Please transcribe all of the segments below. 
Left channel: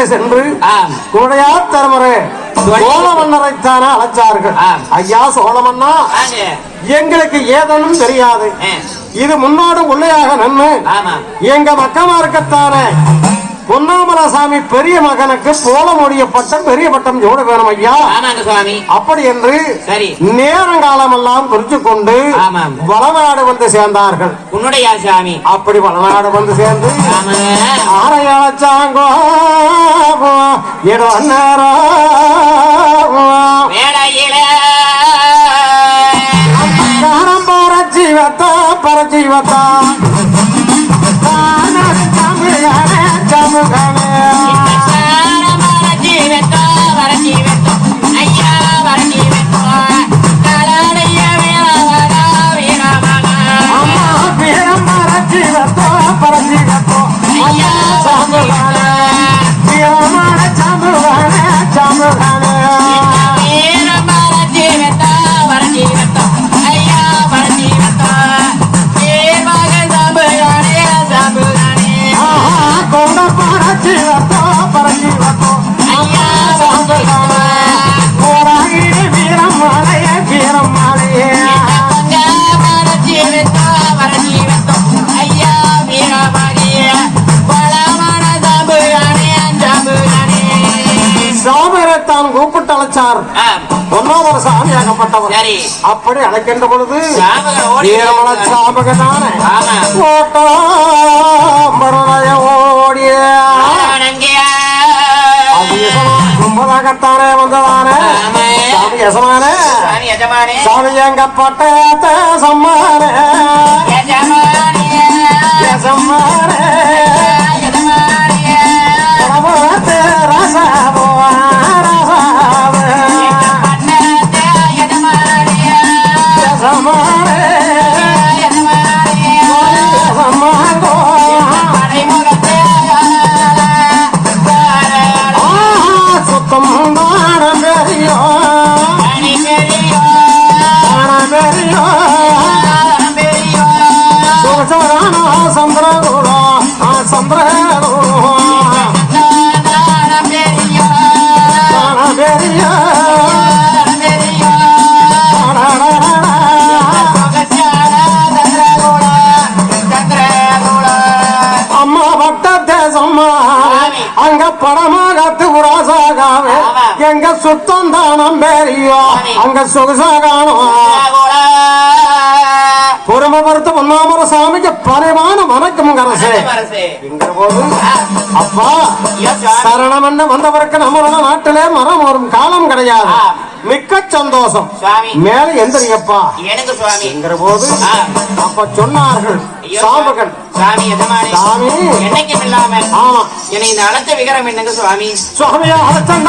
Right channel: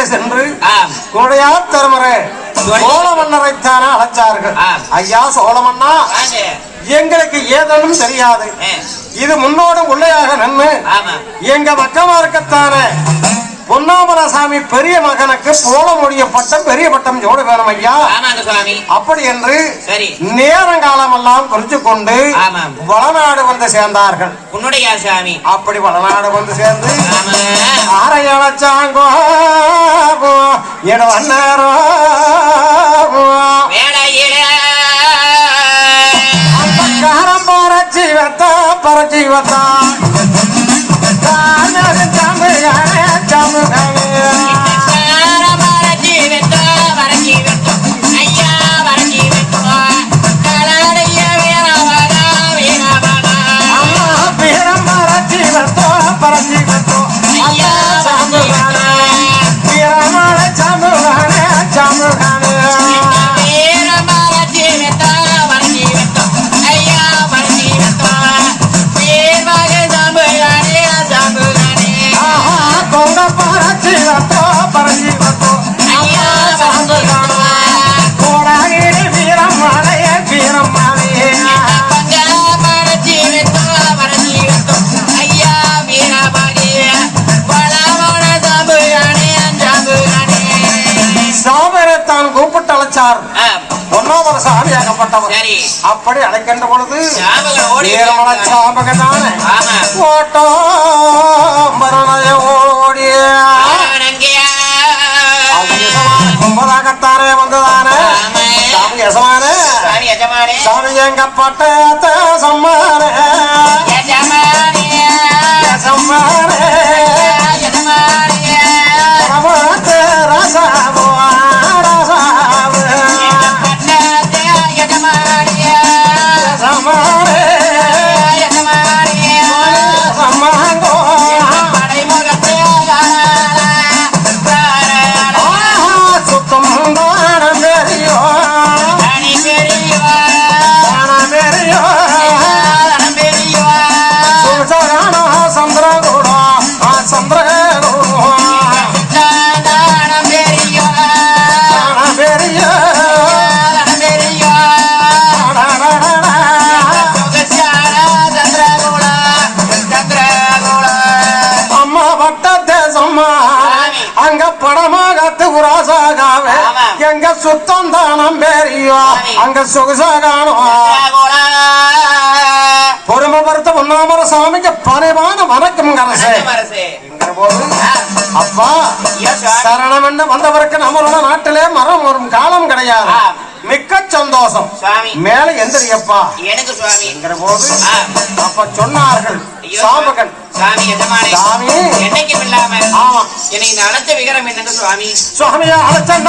உள்ளே சென்று குடையார் தரமரே சோழ மன்னரைத்தான அழைச்சார்கள். ஐயா சோழ மன்னா, எங்களுக்கு ஏதேனும் தெரியாது. இது முன்னோடு உள்ளையாக நின்று எங்க மக்கமாருக்கத்தான பொன்னாமலசாமி பெரிய மகனுக்கு போல முடியப்பட்ட பெரிய பட்டம் ஜோடு வேணும் ஐயா. அப்படி என்று நேரங்காலம் எல்லாம் குறித்து கொண்டு வளநாடு வந்து சேர்ந்தார்கள். உன்னுடைய சாமி அப்படி வளநாடு வந்து சேர்ந்து அரையழைச்சாங்கோ அந்நேரம் பரஜீவத்தா பரஜீவத்தா அப்படி அழைக்கின்ற பொழுது ஓடிய கும்பராகத்தானே வந்ததானே சாமி எங்க பட்டத்தை சம்மானே அங்க சொகுசாகானோ பொறுமை பொறுத்த பொன்னாமல சாமிக்கு பணிவான வணக்கம் கரசே. அப்பா சரணம் என்ன வந்தவருக்கு நம்மளோட நாட்டிலே மரம் வரும் காலம் கிடையாது. மிக்க சந்தோஷம் மேல எந்திரியப்பா என்கிற போது அப்ப சொன்னார்கள் சாமகன் சாமி சாமி என்னைக்கும் இல்லாம ஆமா என்னை இந்த அழைத்த விகரம் என்னங்க சுவாமி சுவாமியா அழைச்சல்ல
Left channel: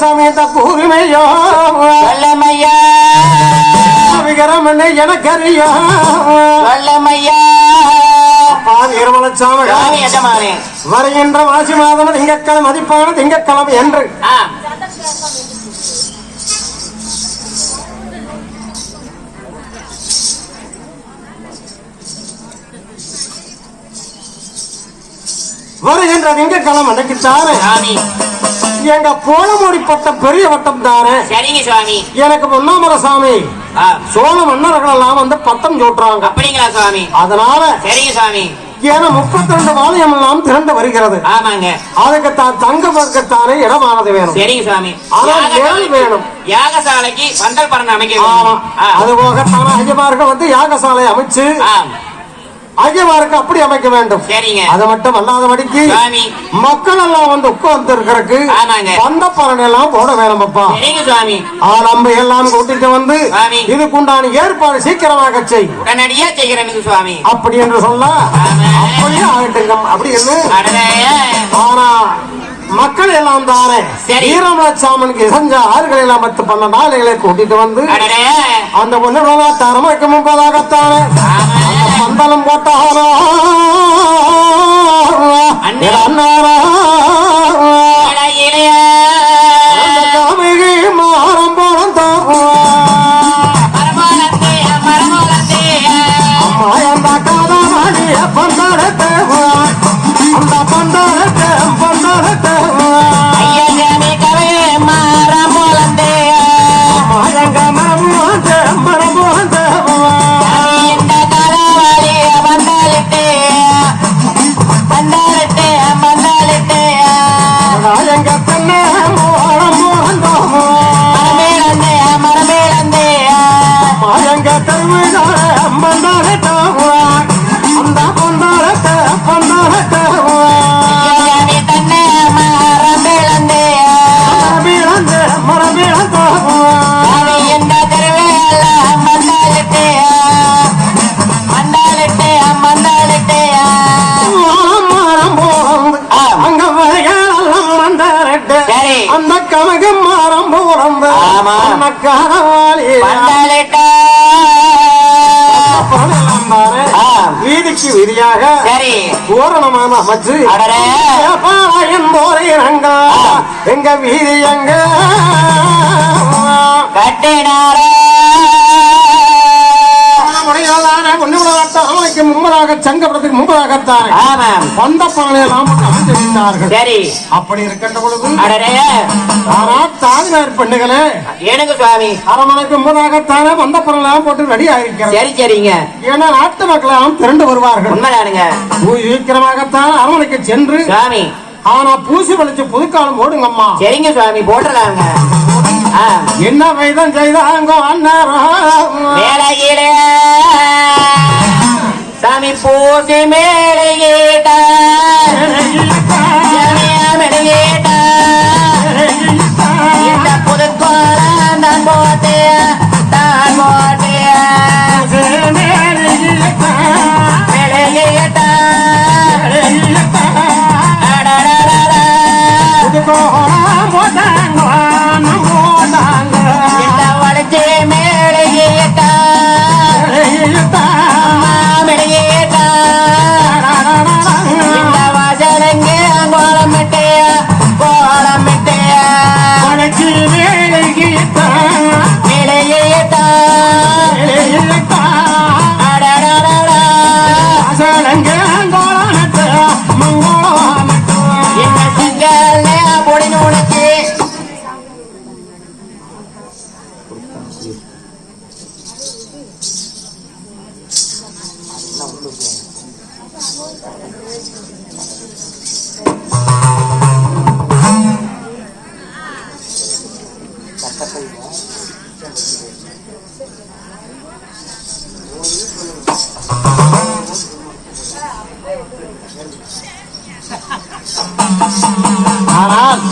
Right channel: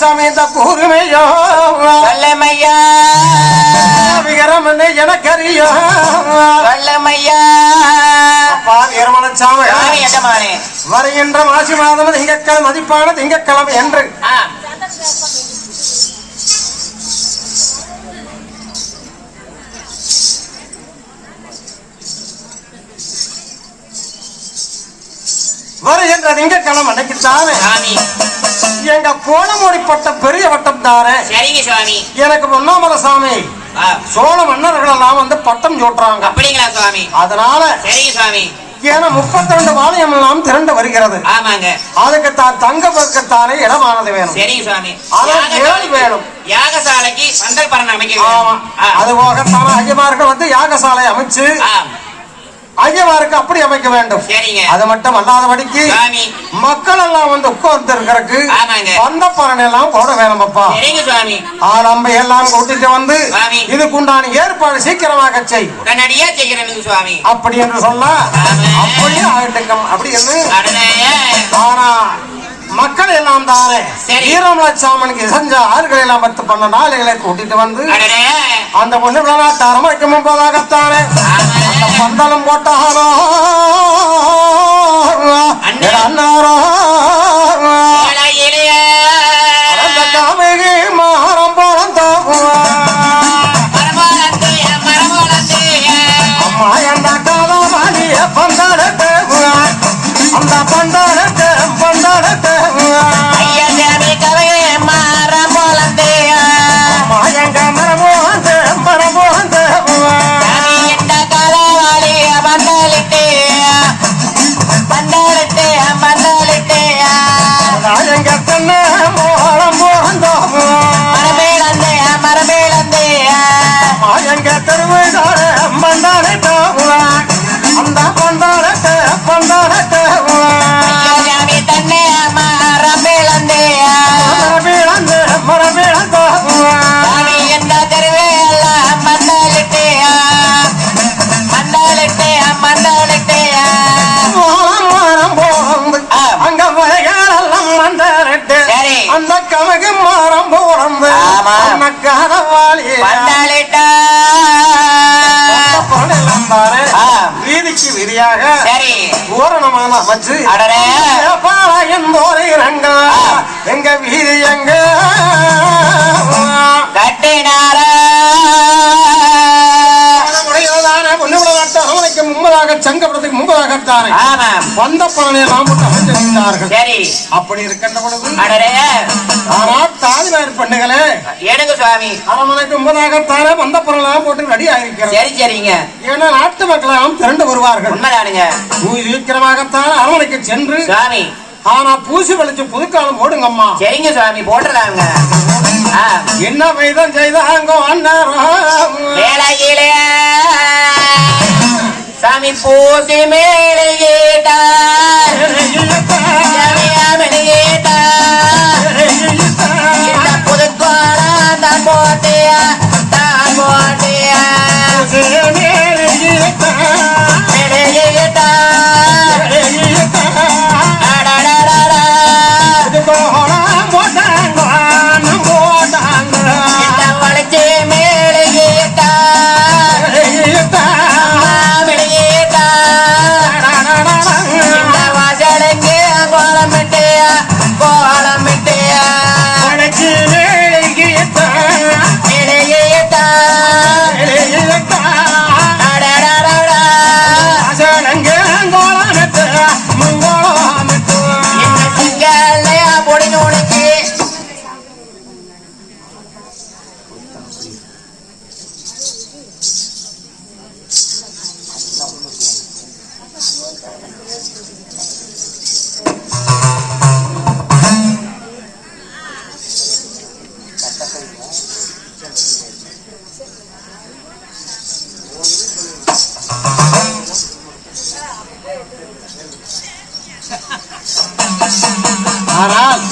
சமயத்த கூர்மையோ விகரமனை எனக்கறியோ வருகின்ற மாசி மாதம் திங்கட்கிழமை மதிப்பான திங்கட்கிழமை என்று வருகின்ற திங்கட்கிழமை அன்னைக்குத்தானே எங்க போல மூடிப்பட்ட பெரிய வட்டம் தானே. சரிங்க சுவாமி. எனக்கு பொன்னாமல சாமி சோழ மன்னர்கள் எல்லாம் வந்து பட்டம் சூட்டுறாங்க. அப்படிங்களா சுவாமி? அதனால சரிங்க சுவாமி. ஏன்னா 32 வாளையம் எல்லாம் திரண்டு வருகிறது. ஆமாங்க. அதுக்கு தான் தங்க வர்க்கத்தானே இடமானது வேணும். சரிங்க சுவாமி. ஏழு வேணும். யாகசாலைக்கு பந்தல் பரண அமைக்க வேணும். அது போக ஐயமார்கள் வந்து யாகசாலை அமைச்சு ஐயவாருக்கு அப்படி அமைக்க வேண்டும். சரிங்க. அது மட்டும் அல்லாதபடிக்கு சுவாமி மக்கள் எல்லாம் வந்து உட்கார்ந்து இருக்கிறதுக்கு ஆமாங்க. பந்த பரணை எல்லாம் போட வேணுமப்பா. சரிங்க சுவாமி. நம்ம எல்லாம் கூட்டிட்டு வந்து சுவாமி இதுக்குண்டான ஏற்பாடு சீக்கிரமாக செய். கண்ணடியா செய்கிறேன் சுவாமி. அப்படி என்று சொல்ல அப்படியே ஆகட்டுங்க. அப்படி என்று ஆனா மக்கள் எல்லாம் தானே வீரமலச்சாமனுக்கு இசைஞ்ச ஆறுகளை எல்லாம் 10-12 ஆளுகளை கூட்டிட்டு வந்து அந்த பொண்ணு அரமணைக்கு முன்பதாகத்தானே பந்தலம் போட்டாரோ அண்ணாரோ மாறம் போன வீதிக்கு வீதியாக பூரணமான அமைச்சு எங்க வீதி எங்க கட்டினாரா முன்பதாக சங்கப்படத்துக்கு முன்பதாகத்தானே வந்த பொருளை சரி அப்படி இருக்கின்ற பொழுது தாய்நாடு பெண்ணுகளே எனக்கு சுவாமி அரமனைக்கு முன்பதாகத்தானே வந்த பொருள் போட்டு ரெடி ஆயிருக்கேன். சரி சரிங்க. ஏன்னா நாட்டு மக்கள் எல்லாம் திரண்டு வருவார்கள். உண்மைதானுங்க. சீக்கிரமாகத்தான் அரமனைக்கு சென்று சுவாமி ஆனா பூசி வலிச்சு புதுக்காலம் போடுங்கம்மா. சரிங்க சுவாமி போட்டுறாங்க. என்ன வைதம் செய்தாங்க வேலையிலே சாமி பூசி மேலே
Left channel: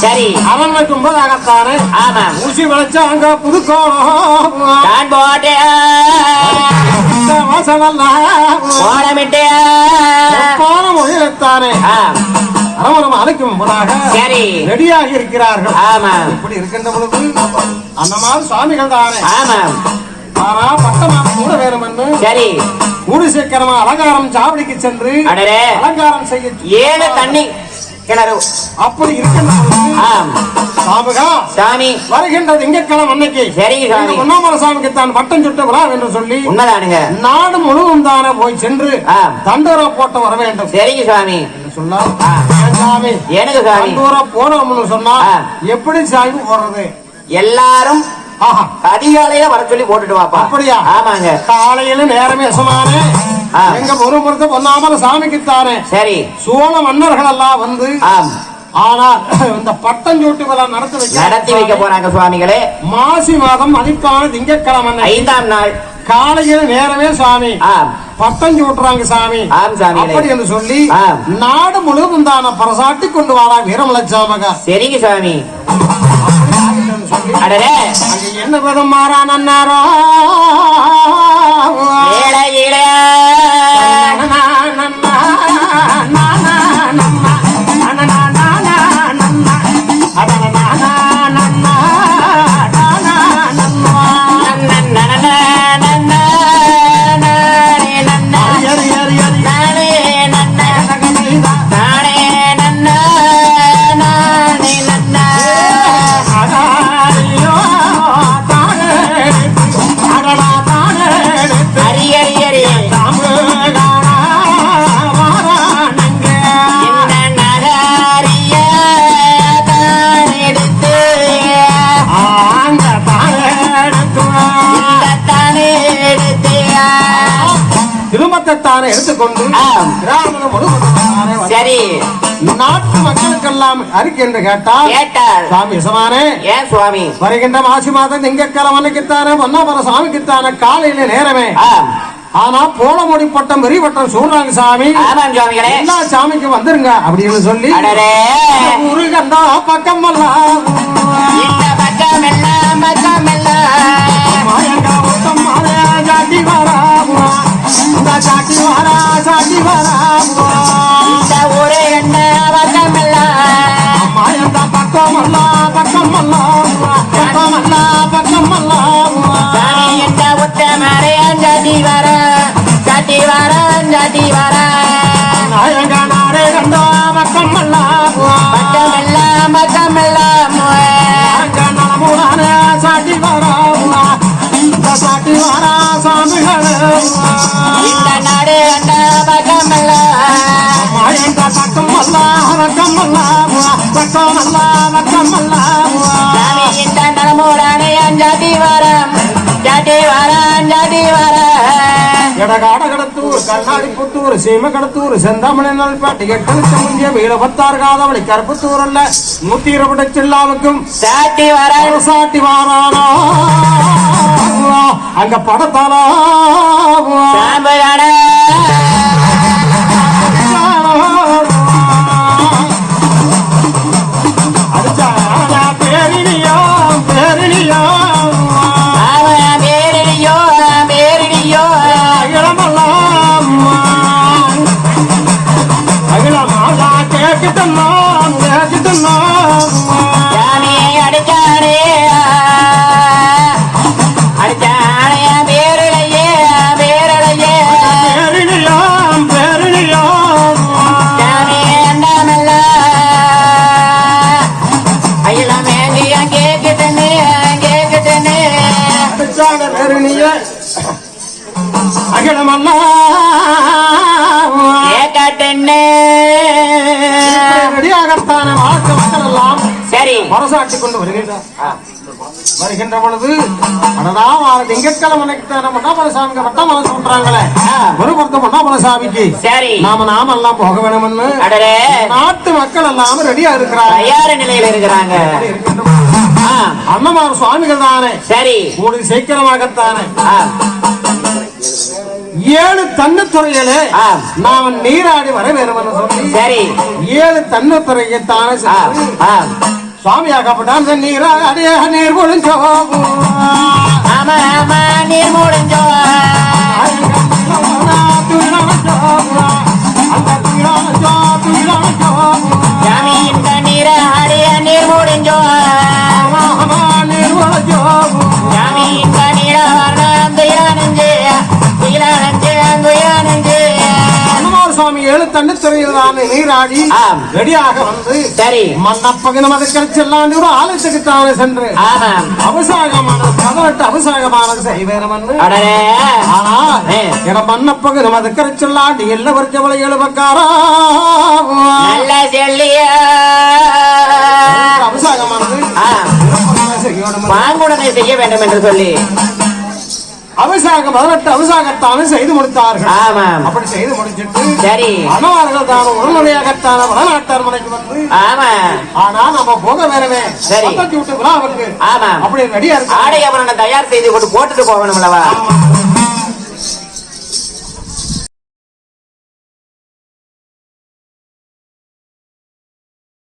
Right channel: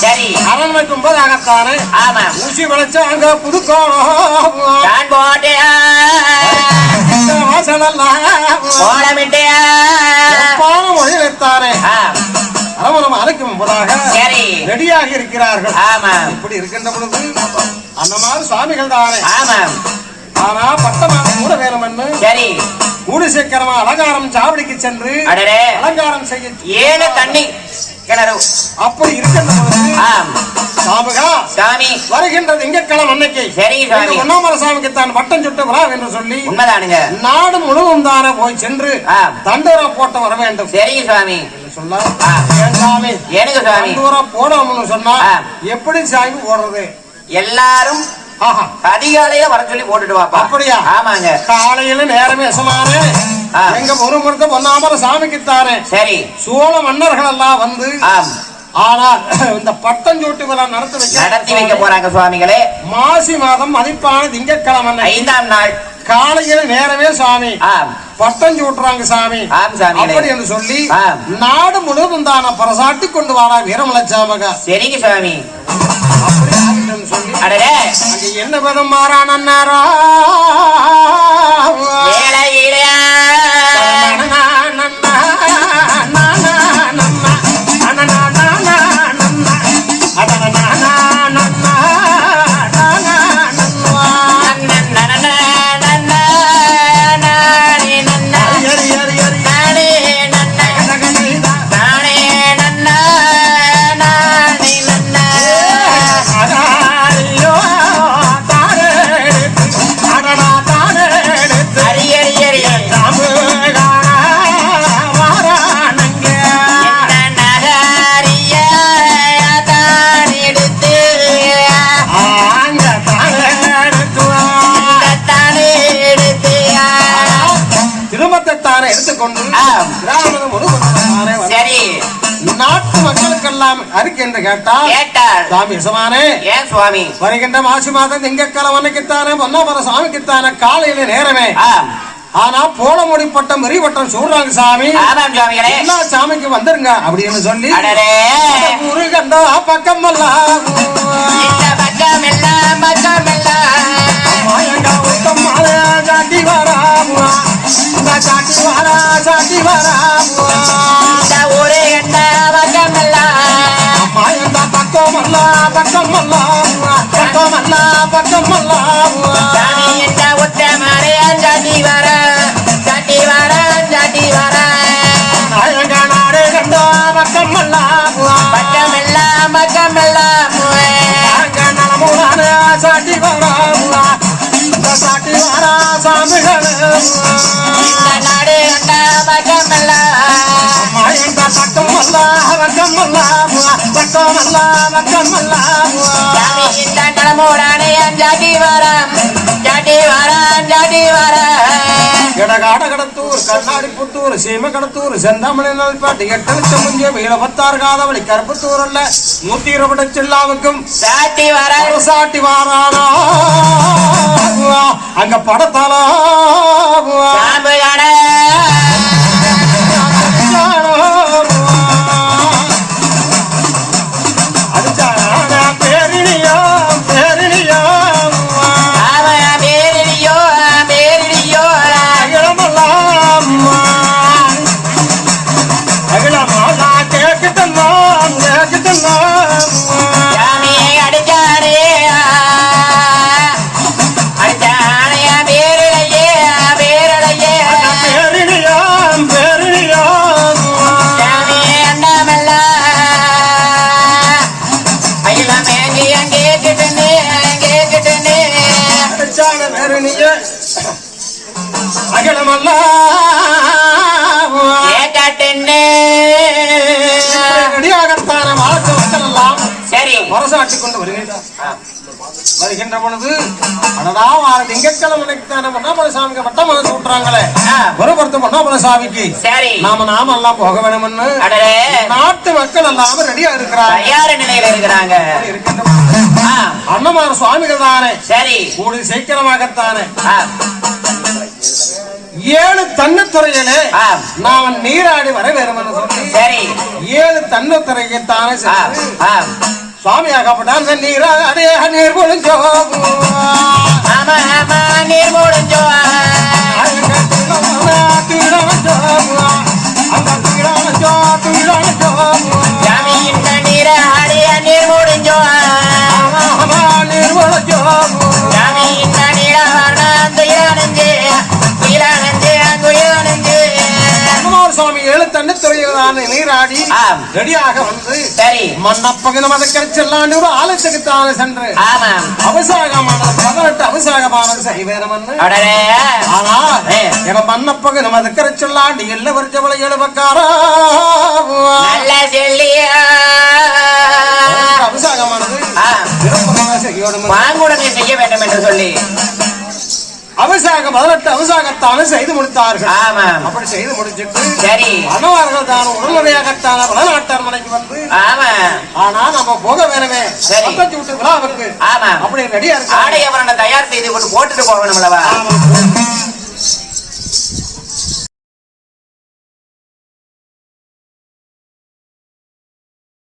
சரி அரண்மனைக்கு முன்பதாகத்தானே ஊசி வளைச்சா அங்க புதுக்கோளம் அரமணம் அழைக்கும் முன்பதாக சரி ரெடியாக இருக்கிறார்கள். இப்படி இருக்கின்ற பொழுது அந்த மாதிரி சுவாமிகள் தானே ஆனா பட்டமாக கூட வேணும் என்று சரி கூடு சீக்கிரமா அலங்காரம் சாவடிக்கு சென்று அலங்காரம் செய்ய ஏன தண்ணி அப்படி இருக்கின்ற சாமி வருகின்ற திங்கட்கிழமை அன்னைக்கு ஒன்னாமல சாமிக்கு தான் பட்டம் சுட்டு விழா என்று சொல்லி நாடு முழுவதும் தானே போய் சென்று தண்டோரா போட்டு வர வேண்டும். சரிங்க சுவாமி சொன்னா எனக்கு தண்டோரா போனோம்னு சொன்னா எப்படி சாமி போடுறது எல்லாரும் அதிகாலையில வர சொல்லி போட்டுட்டு வாப்பா. அப்படியா? ஆமாங்க. காலையில நேரமே சொன்னாரு எங்க ஒரு முறை பொன்னாமல சாமிக்குத்தானே சரி சோழ மன்னர்கள் எல்லாம் வந்து ஆனா இந்த பட்டஞ்சோட்டு விழா நடத்தி வைக்க போறாங்க சுவாமிகளே. மாசி மாதம் மதிப்பான திங்கட்கிழமை 5ஆம் நாள் காலையில நேரமே சாமி ஆம். பட்டஞ்சு விட்டுறாங்க சாமி. ஆம் சாமி. அப்படி என்று சொல்லி ஆம். நாடு முழுவதும் தான பரசாட்டி கொண்டு வாடா வீரமலச்சாமகா. சரிங்க சாமி. அப்படி ஆகிட்டேன்னு சொல்லி அடடே அங்க என்ன விதம் மாறானோ வேளையிலே எடுத்துக்கொண்டு சரி நாட்டு மக்களுக்கெல்லாம் அறிக்கை என்று கேட்டால் சாமி சமானே ஏன் சுவாமி வருகின்ற மாசி மாதம் திங்கக்கிழமைக்குத்தானே பொன்னாபுர சாமிக்குத்தானே காலையில நேரமே. ஆனா போல மொழி பட்டம் வெறி பட்டம் சொல்றாங்க சாமி. எல்லா சாமிக்கு வந்துருங்க அப்படின்னு சொல்லி ஊரு கண்டா பக்கம் எல்லாம் சீமகடத்தூர் செந்தாமணி பாட்டி எட்டலுக்கு முந்திய வீர பத்தாறு காதவளி கருப்பத்தூர் அல்ல 120 சில்லாவுக்கும் சாட்டி வாரானா அங்க படத்தாலா மரசாட்டி கொண்டு வருகின்ற பொழுது திங்கக்கிழமைக்கு பொன்னாபுர சாமிக்கு மட்டும் மனசு சொல்றாங்களே மறுபுறத்து பொன்னாபுர சாமிக்கு நாம எல்லாம் போக வேணும்னு நாட்டு மக்கள் எல்லாம் ரெடியா இருக்கிறாங்க. அண்ணமார சுவாமிகள் தானே சரி கூடி சீக்கிரமாகத்தானே 7 தன்னத்துறைகளே நான் நீராடி வர வேறும் சொல்லி சரி 7 தன்னத்துறையைத்தானே சுவாமியாகப்பட்டான் நீராடிய நீர் முடிஞ்சோ நீர் முடிஞ்சோ நீராடி ரெடியாக வந்து சரி மன்னப்பகன மதக்கரைச்செல்லாம் ஒரு ஆலயத்துக்கு தானே சென்று அபிஷேகம் 18 அபிஷேகமான செய்வேன். ஆனா மன்னப்பகன மதக்கரைச்செல்லாம் எல்ல வரிச்சவளை எழுபக்காரா அபிஷேகமானது செய்ய வேண்டும் என்று சொல்லி அபிஷேகம் 18 அபிஷேகத்தானே செய்து முடித்தார்கள். அப்படி செய்து முடிச்சுட்டு சரி மணவார்கள் தான் உடனடியாகத்தான வடநாட்டார் மனைக்கு வந்து ஆனா நம்ம போக வேறவே விட்டு விழாவுக்கு அப்படி ரெடியா இருக்கு. ஆடை அவரை தயார் செய்து கொண்டு போட்டுட்டு போகணும் அல்லவா?